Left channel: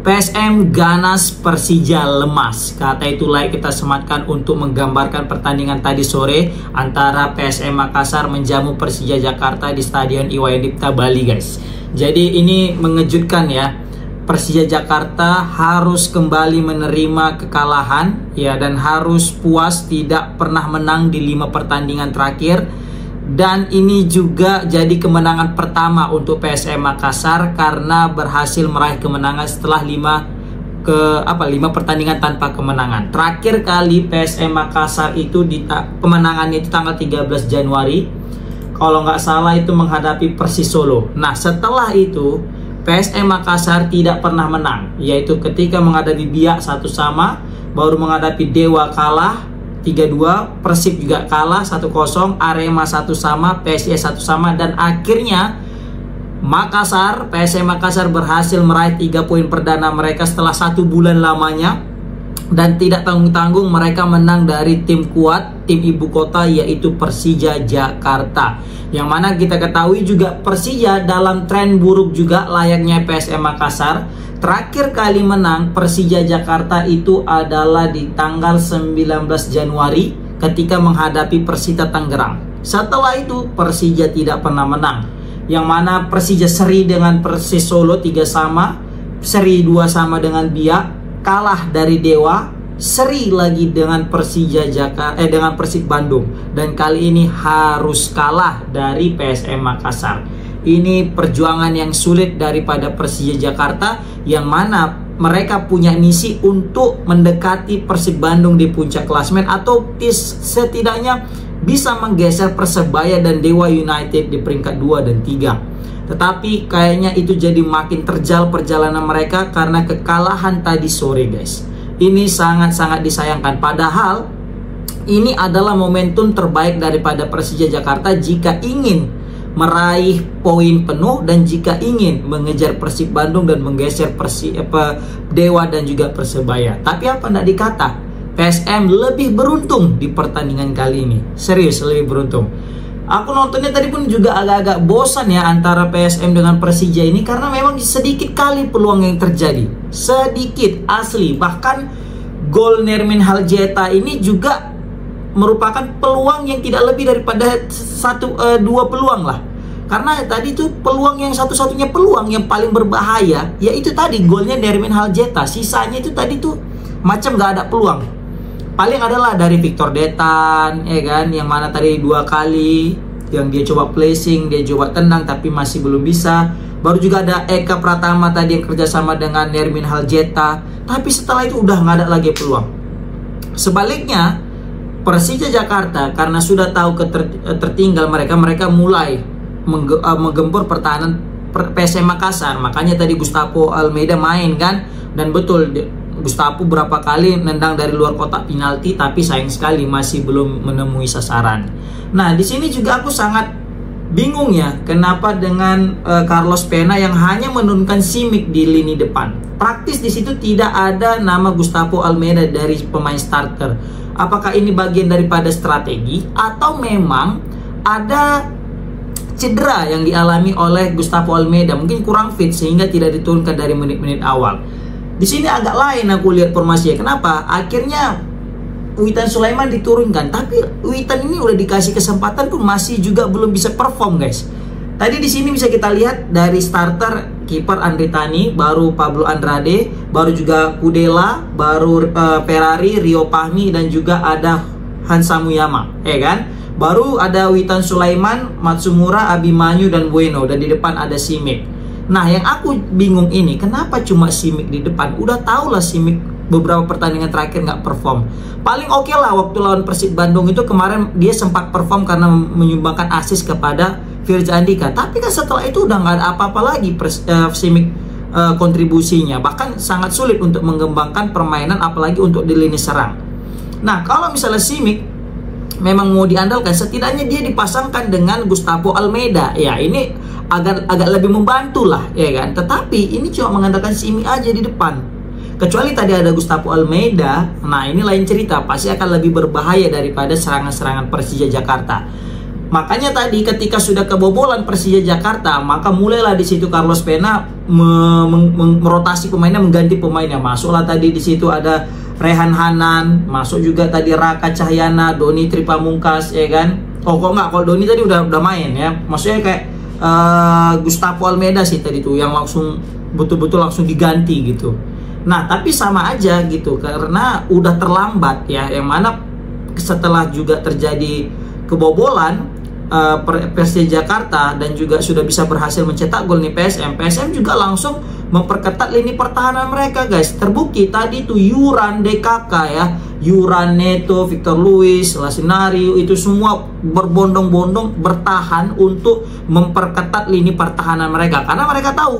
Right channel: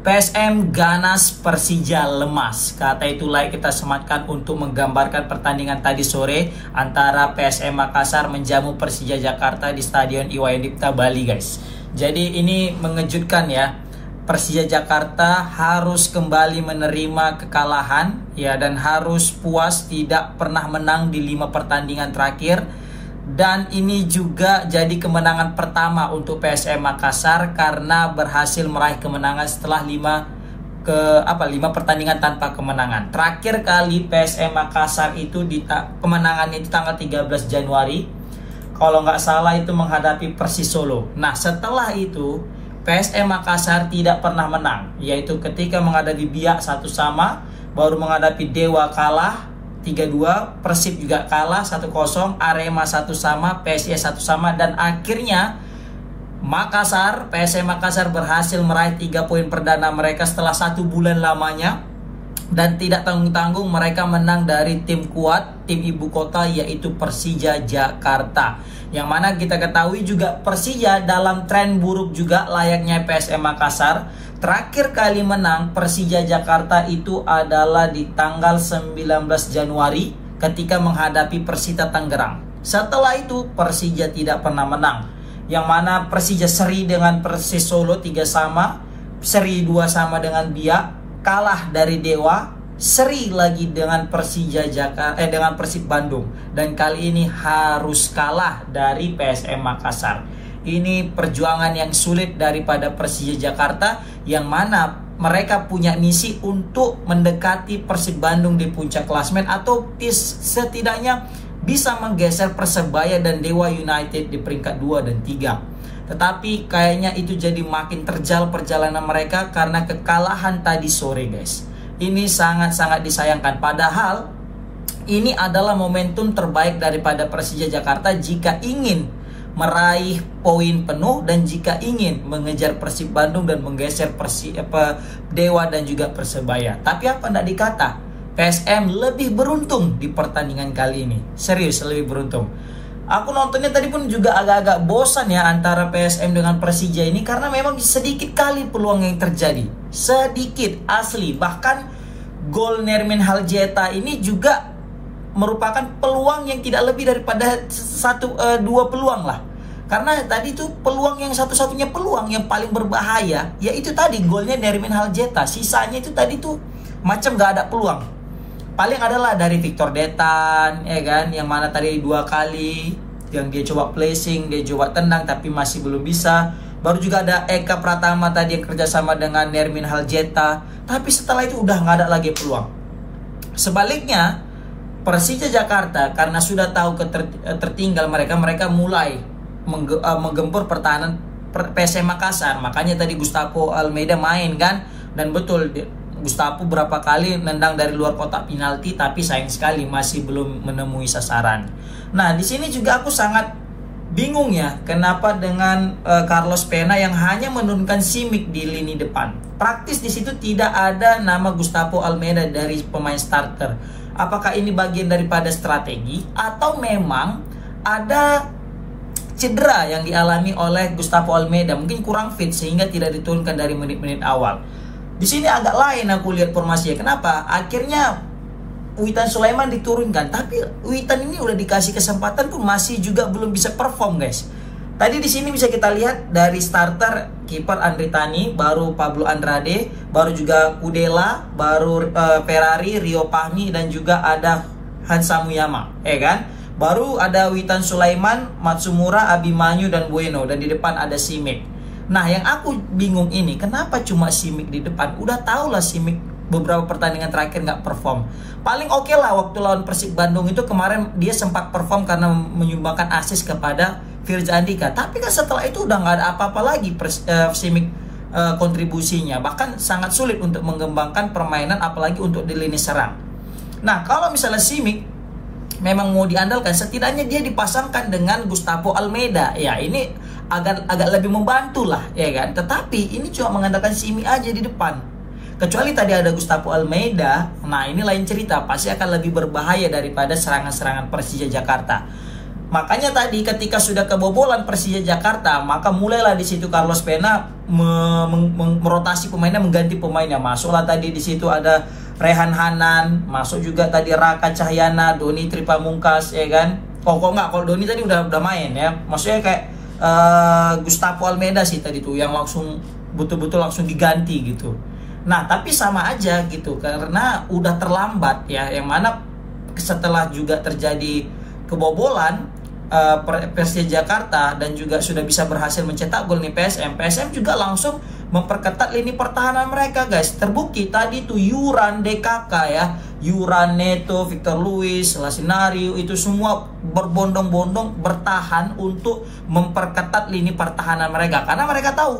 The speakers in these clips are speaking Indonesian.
PSM ganas, Persija lemas. Kata itulah kita sematkan untuk menggambarkan pertandingan tadi sore antara PSM Makassar menjamu Persija Jakarta di Stadion Iwayan Dipta Bali, guys. Jadi ini mengejutkan ya. Persija Jakarta harus kembali menerima kekalahan ya, dan harus puas tidak pernah menang di 5 pertandingan terakhir. Dan ini juga jadi kemenangan pertama untuk PSM Makassar karena berhasil meraih kemenangan setelah 5 pertandingan tanpa kemenangan. Terakhir kali PSM Makassar itu kemenangannya itu tanggal 13 Januari. Kalau nggak salah itu menghadapi Persis Solo. Nah, setelah itu PSM Makassar tidak pernah menang, yaitu ketika menghadapi Biak 1-1, baru menghadapi Dewa kalah 3-2, Persib juga kalah 1-0, Arema 1-1, PSIS 1-1, dan akhirnya PSM Makassar berhasil meraih 3 poin perdana mereka setelah 1 bulan lamanya, dan tidak tanggung-tanggung mereka menang dari tim kuat, tim ibu kota, yaitu Persija Jakarta. Yang mana kita ketahui juga Persija dalam tren buruk juga layaknya PSM Makassar. Terakhir kali menang Persija Jakarta itu adalah di tanggal 19 Januari ketika menghadapi Persita Tangerang. Setelah itu Persija tidak pernah menang. Yang mana Persija seri dengan Persis Solo 3-3, seri 2-2 dengan Biak, kalah dari Dewa, seri lagi dengan Persija Jakarta dengan Persib Bandung, dan kali ini harus kalah dari PSM Makassar. Ini perjuangan yang sulit daripada Persija Jakarta, yang mana mereka punya misi untuk mendekati Persib Bandung di puncak klasemen, atau setidaknya bisa menggeser Persebaya dan Dewa United di peringkat 2 dan 3. Tetapi kayaknya itu jadi makin terjal perjalanan mereka karena kekalahan tadi sore, guys. Ini sangat-sangat disayangkan. Padahal ini adalah momentum terbaik daripada Persija Jakarta jika ingin meraih poin penuh dan jika ingin mengejar Persib Bandung dan menggeser Dewa dan juga Persebaya. Tapi apa tidak dikata, PSM lebih beruntung di pertandingan kali ini. Serius, lebih beruntung. Aku nontonnya tadi pun juga agak-agak bosan ya antara PSM dengan Persija ini, karena memang sedikit kali peluang yang terjadi. Sedikit, asli. Bahkan gol Nermin Haljeta ini juga merupakan peluang yang tidak lebih daripada 2 peluang lah. Karena tadi tuh peluang yang satu-satunya peluang yang paling berbahaya, yaitu tadi golnya Nermin Haljeta. Sisanya itu tadi tuh macam gak ada peluang. Paling adalah dari Victor Detan, ya kan, yang mana tadi 2 kali yang dia coba placing, dia coba tendang tapi masih belum bisa. Baru juga ada Eka Pratama tadi yang kerjasama dengan Nermin Haljeta, tapi setelah itu udah nggak ada lagi peluang. Sebaliknya Persija Jakarta karena sudah tahu tertinggal mereka mulai menggempur pertahanan PSM Makassar. Makanya tadi Gustavo Almeida main kan, dan betul Gustavo berapa kali nendang dari luar kotak penalti, tapi sayang sekali masih belum menemui sasaran. Nah, di sini juga aku sangat bingung ya, kenapa dengan Carlos Pena yang hanya menurunkan Simic di lini depan. Praktis di situ tidak ada nama Gustavo Almeida dari pemain starter. Apakah ini bagian daripada strategi atau memang ada cedera yang dialami oleh Gustavo Almeida, mungkin kurang fit sehingga tidak diturunkan dari menit-menit awal. Di sini agak lain aku lihat formasinya. Kenapa? Akhirnya Witan Sulaiman diturunkan, tapi Witan ini udah dikasih kesempatan pun masih juga belum bisa perform, guys. Tadi di sini bisa kita lihat dari starter kiper Andri Tani, baru Pablo Andrade, baru juga Kudela, baru Ferrari, Rio Pahmi, dan juga ada Hansa Muyama, ya kan? Baru ada Witan Sulaiman, Matsumura, Abimanyu, dan Bueno, dan di depan ada Simic. Nah, yang aku bingung ini, kenapa cuma Simic di depan? Udah tau lah Simic beberapa pertandingan terakhir nggak perform. Paling oke lah waktu lawan Persib Bandung itu kemarin dia sempat perform karena menyumbangkan assist kepada Firza Andika. Tapi kan setelah itu udah nggak ada apa-apa lagi Simic kontribusinya. Bahkan sangat sulit untuk mengembangkan permainan, apalagi untuk di lini serang. Nah, kalau misalnya Simic memang mau diandalkan, setidaknya dia dipasangkan dengan Gustavo Almeida. Ya, ini agak lebih membantu lah, ya kan. Tetapi ini cuma mengandalkan Simic aja di depan. Kecuali tadi ada Gustavo Almeida, nah ini lain cerita, pasti akan lebih berbahaya daripada serangan-serangan Persija Jakarta. Makanya tadi ketika sudah kebobolan Persija Jakarta, maka mulailah di situ Carlos Pena merotasi pemainnya, mengganti pemainnya. Masuklah tadi di situ ada Rehan Hanan, masuk juga tadi Raka Cahyana, Doni Tripamungkas, ya kan? Oh kok nggak, kalau Doni tadi udah main ya. Maksudnya kayak Gustavo Almeida sih tadi tuh yang langsung betul-betul langsung diganti gitu. Nah tapi sama aja gitu, karena udah terlambat ya. Yang mana setelah juga terjadi kebobolan Persija Jakarta dan juga sudah bisa berhasil mencetak gol nih PSM juga langsung memperketat lini pertahanan mereka guys. Terbukti tadi tuh Yuran, DKK ya, Yuran, Neto, Victor Luis, Lasinario itu semua berbondong-bondong bertahan untuk memperketat lini pertahanan mereka, karena mereka tahu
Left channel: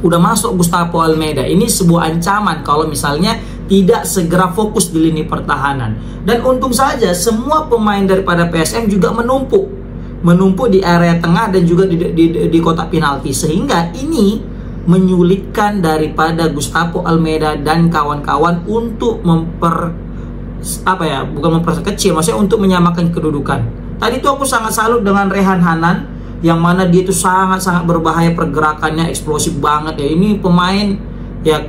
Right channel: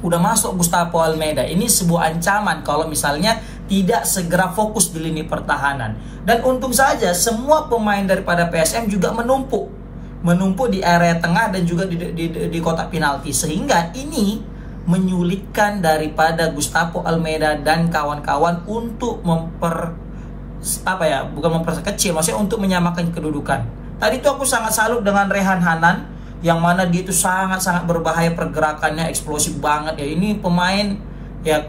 udah masuk Gustavo Almeida. Ini sebuah ancaman kalau misalnya tidak segera fokus di lini pertahanan. Dan untung saja semua pemain daripada PSM juga menumpuk di area tengah dan juga di kotak penalti, sehingga ini menyulitkan daripada Gustavo Almeida dan kawan-kawan untuk bukan memperkecil, maksudnya untuk menyamakan kedudukan. Tadi tuh aku sangat salut dengan Rehan Hanan, yang mana dia itu sangat-sangat berbahaya, pergerakannya eksplosif banget ya. Ini pemain ya,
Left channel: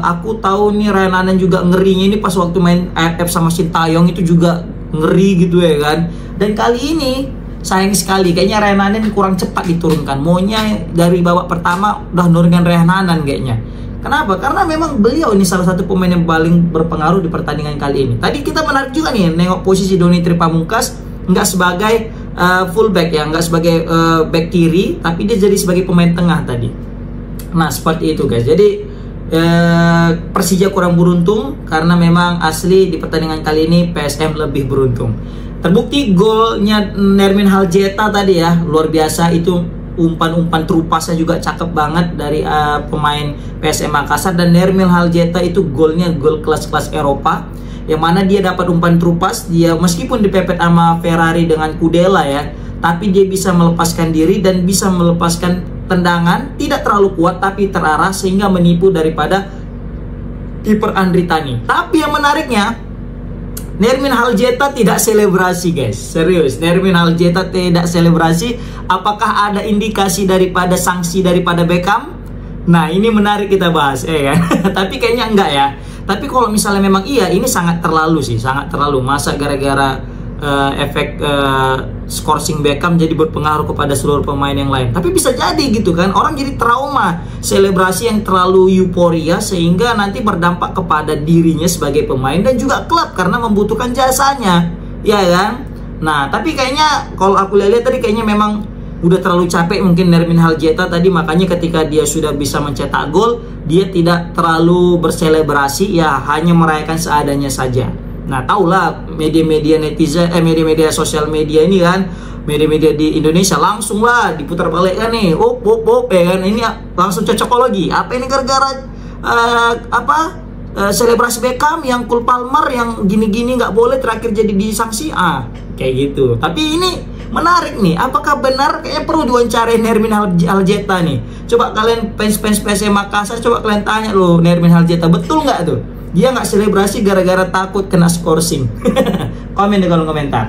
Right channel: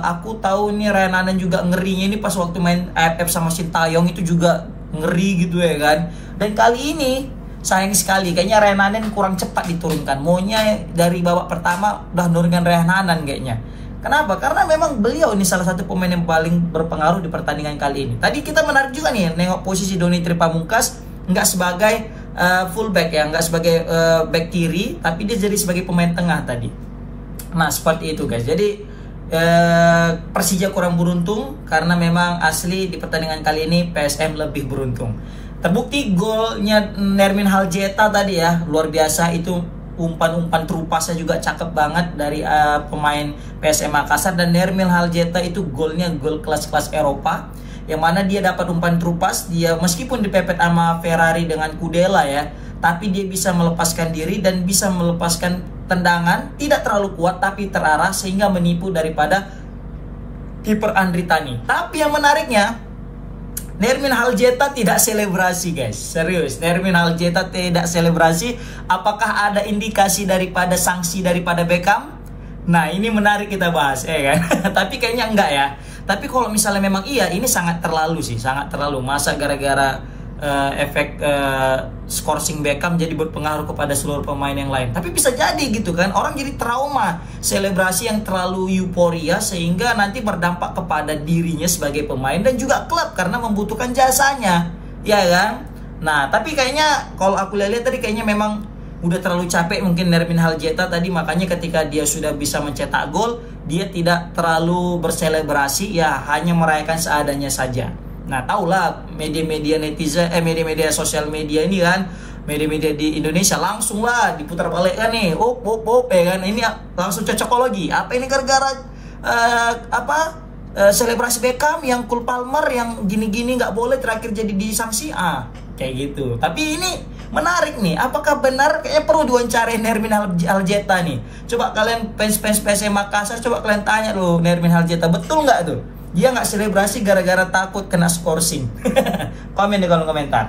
aku tahu nih Rehan Hanan juga ngerinya ini pas waktu main AFF sama Sintayong itu juga ngeri gitu ya kan. Dan kali ini sayang sekali kayaknya Rehan Hanan kurang cepat diturunkan. Maunya dari babak pertama udah nurunkan Rehan Hanan kayaknya. Kenapa? Karena memang beliau ini salah satu pemain yang paling berpengaruh di pertandingan kali ini. Tadi kita menarik juga nih nengok posisi Doni Tripamungkas nggak sebagai fullback ya, nggak sebagai back kiri, tapi dia jadi sebagai pemain tengah tadi. Nah seperti itu guys. Jadi Persija kurang beruntung, karena memang asli di pertandingan kali ini PSM lebih beruntung. Terbukti golnya Nermin Haljeta tadi ya, luar biasa. Itu umpan-umpan terupasnya juga cakep banget dari pemain PSM Makassar. Dan Nermin Haljeta itu golnya gol kelas-kelas Eropa, yang mana dia dapat umpan terupas. Dia meskipun dipepet sama Ferrari dengan Kudela ya, tapi dia bisa melepaskan diri dan bisa melepaskan tendangan, tidak terlalu kuat tapi terarah, sehingga menipu daripada kiper Andri Tani. Tapi yang menariknya, Nermin Haljeta tidak selebrasi guys. Serius, Nermin Haljeta tidak selebrasi. Apakah ada indikasi daripada sanksi daripada Beckham? Nah ini menarik kita bahas ya kan. Tapi kayaknya enggak ya. Tapi kalau misalnya memang iya, ini sangat terlalu sih, sangat terlalu. Masa gara-gara efek scoring Beckham jadi berpengaruh kepada seluruh pemain yang lain. Tapi bisa jadi gitu kan, orang jadi trauma selebrasi yang terlalu euforia, sehingga nanti berdampak kepada dirinya sebagai pemain dan juga klub karena membutuhkan jasanya, ya kan. Nah tapi kayaknya kalau aku lihat tadi kayaknya memang udah terlalu capek mungkin Nermin Haljeta tadi, makanya ketika dia sudah bisa mencetak gol, dia tidak terlalu berselebrasi ya, hanya merayakan seadanya saja. Nah tahulah media-media netizen, media-media sosial media ini kan, media-media di Indonesia langsung lah diputar balik kan nih, ya kan, ini langsung cocokologi. Apa ini gara-gara selebrasi Beckham yang Cole Palmer yang gini-gini nggak boleh, terakhir jadi disanksi, kayak gitu. Tapi ini menarik nih, apakah benar kayaknya perlu diwawancarai Nermin Haljeta nih? Coba kalian fans PSM Makassar, coba kalian tanya loh Nermin Haljeta, betul nggak tuh dia nggak selebrasi gara-gara takut kena scoring? Komen di kolom komentar.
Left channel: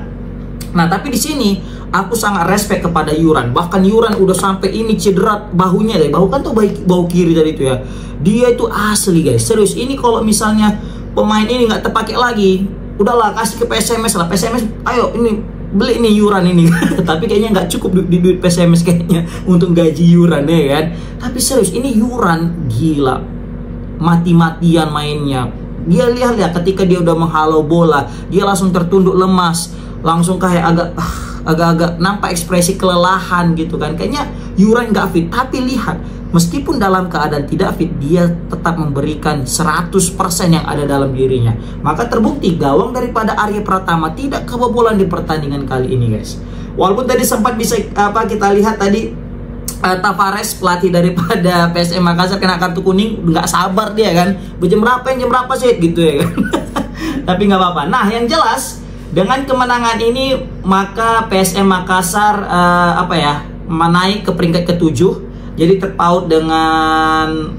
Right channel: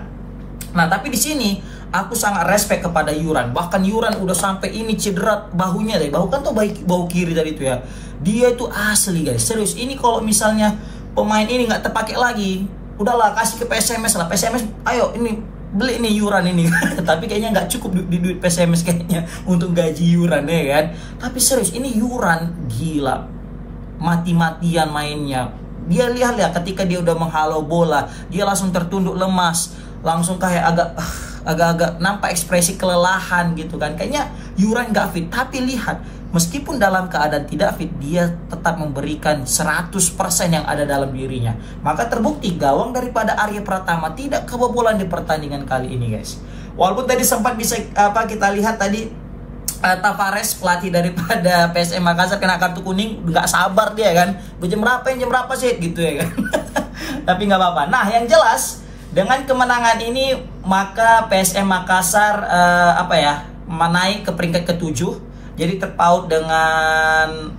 Nah tapi di sini aku sangat respect kepada Yuran. Bahkan Yuran udah sampai ini cedera bahunya deh. Bahu kan tuh bahu kiri tadi itu ya. Dia itu asli guys, serius. Ini kalau misalnya pemain ini nggak terpakai lagi, udahlah kasih ke PSMS lah. PSMS ayo ini beli nih Yuran ini. Tapi kayaknya nggak cukup di duit PSMS kayaknya untuk gaji Yuran ya kan. Tapi serius ini Yuran gila, mati-matian mainnya. Dia lihat ketika dia udah menghalau bola, dia langsung tertunduk lemas, langsung kayak agak-agak nampak ekspresi kelelahan gitu kan. Kayaknya Yuran nggak fit, tapi lihat meskipun dalam keadaan tidak fit, dia tetap memberikan 100% yang ada dalam dirinya. Maka terbukti gawang daripada Arya Pratama tidak kebobolan di pertandingan kali ini guys. Walaupun tadi sempat bisa kita lihat tadi Tavares, pelatih daripada PSM Makassar, kena kartu kuning, nggak sabar dia kan, jam berapa sih gitu ya kan. Tapi nggak apa-apa. Nah yang jelas dengan kemenangan ini maka PSM Makassar menaik ke peringkat ke-7, jadi terpaut dengan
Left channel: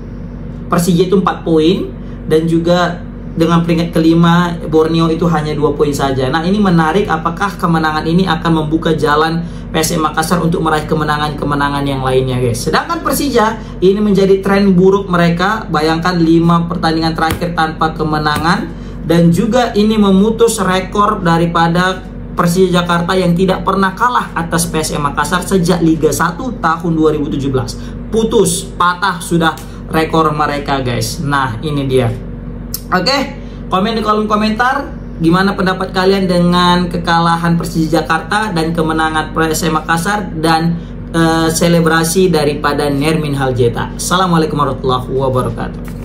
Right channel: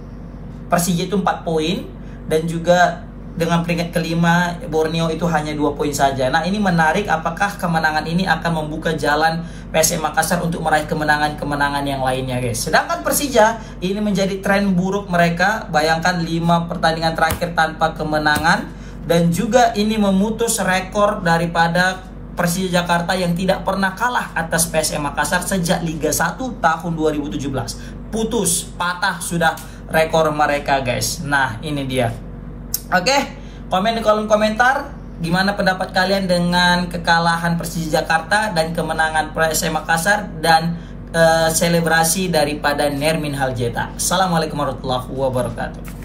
Persija itu 4 poin, dan juga dengan peringkat kelima Borneo itu hanya 2 poin saja. Nah, ini menarik, apakah kemenangan ini akan membuka jalan PSM Makassar untuk meraih kemenangan-kemenangan yang lainnya, guys. Sedangkan Persija ini menjadi tren buruk mereka. Bayangkan 5 pertandingan terakhir tanpa kemenangan, dan juga ini memutus rekor daripada Persija Jakarta yang tidak pernah kalah atas PSM Makassar sejak Liga 1 tahun 2017. Putus, patah sudah rekor mereka, guys. Nah, ini dia. Oke, komen di kolom komentar gimana pendapat kalian dengan kekalahan Persija Jakarta dan kemenangan PSM Makassar dan selebrasi daripada Nermin Haljeta. Assalamualaikum warahmatullahi wabarakatuh.